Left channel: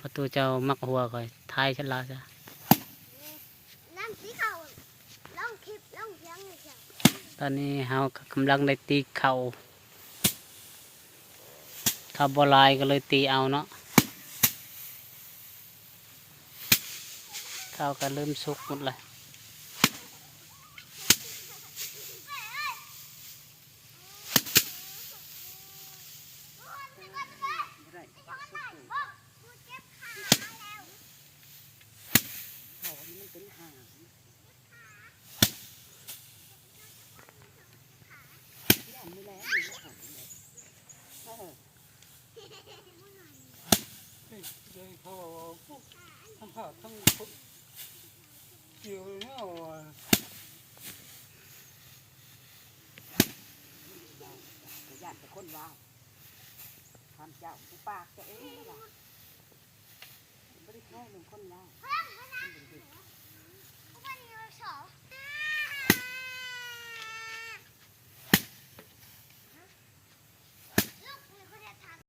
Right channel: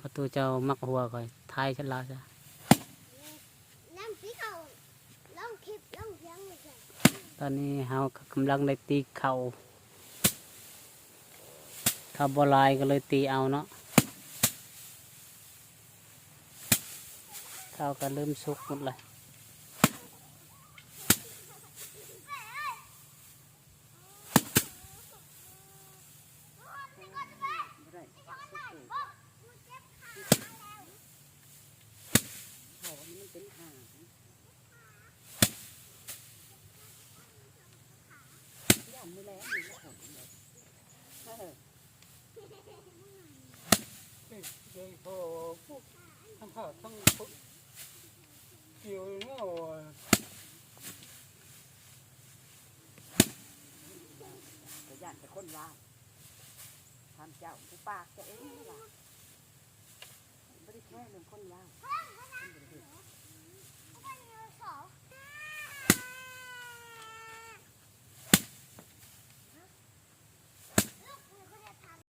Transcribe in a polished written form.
ประตูเจ้ามักหัวก่อยทายฉันลาจ้ะตอนนี้เฮากำลังได้ตีเข่าถ้าบอลายก็เลยตีเอาเนาะข้าวก็เริ่มสุกหมดเลยพอพวกทำผ่าต้องเกี่ยวเนี่ยแต่ย่านแต่คนว่าทำเจ้าผู้ปากจะเองนี่ล่ะไม่ได้แค่หนึ่งคนว่า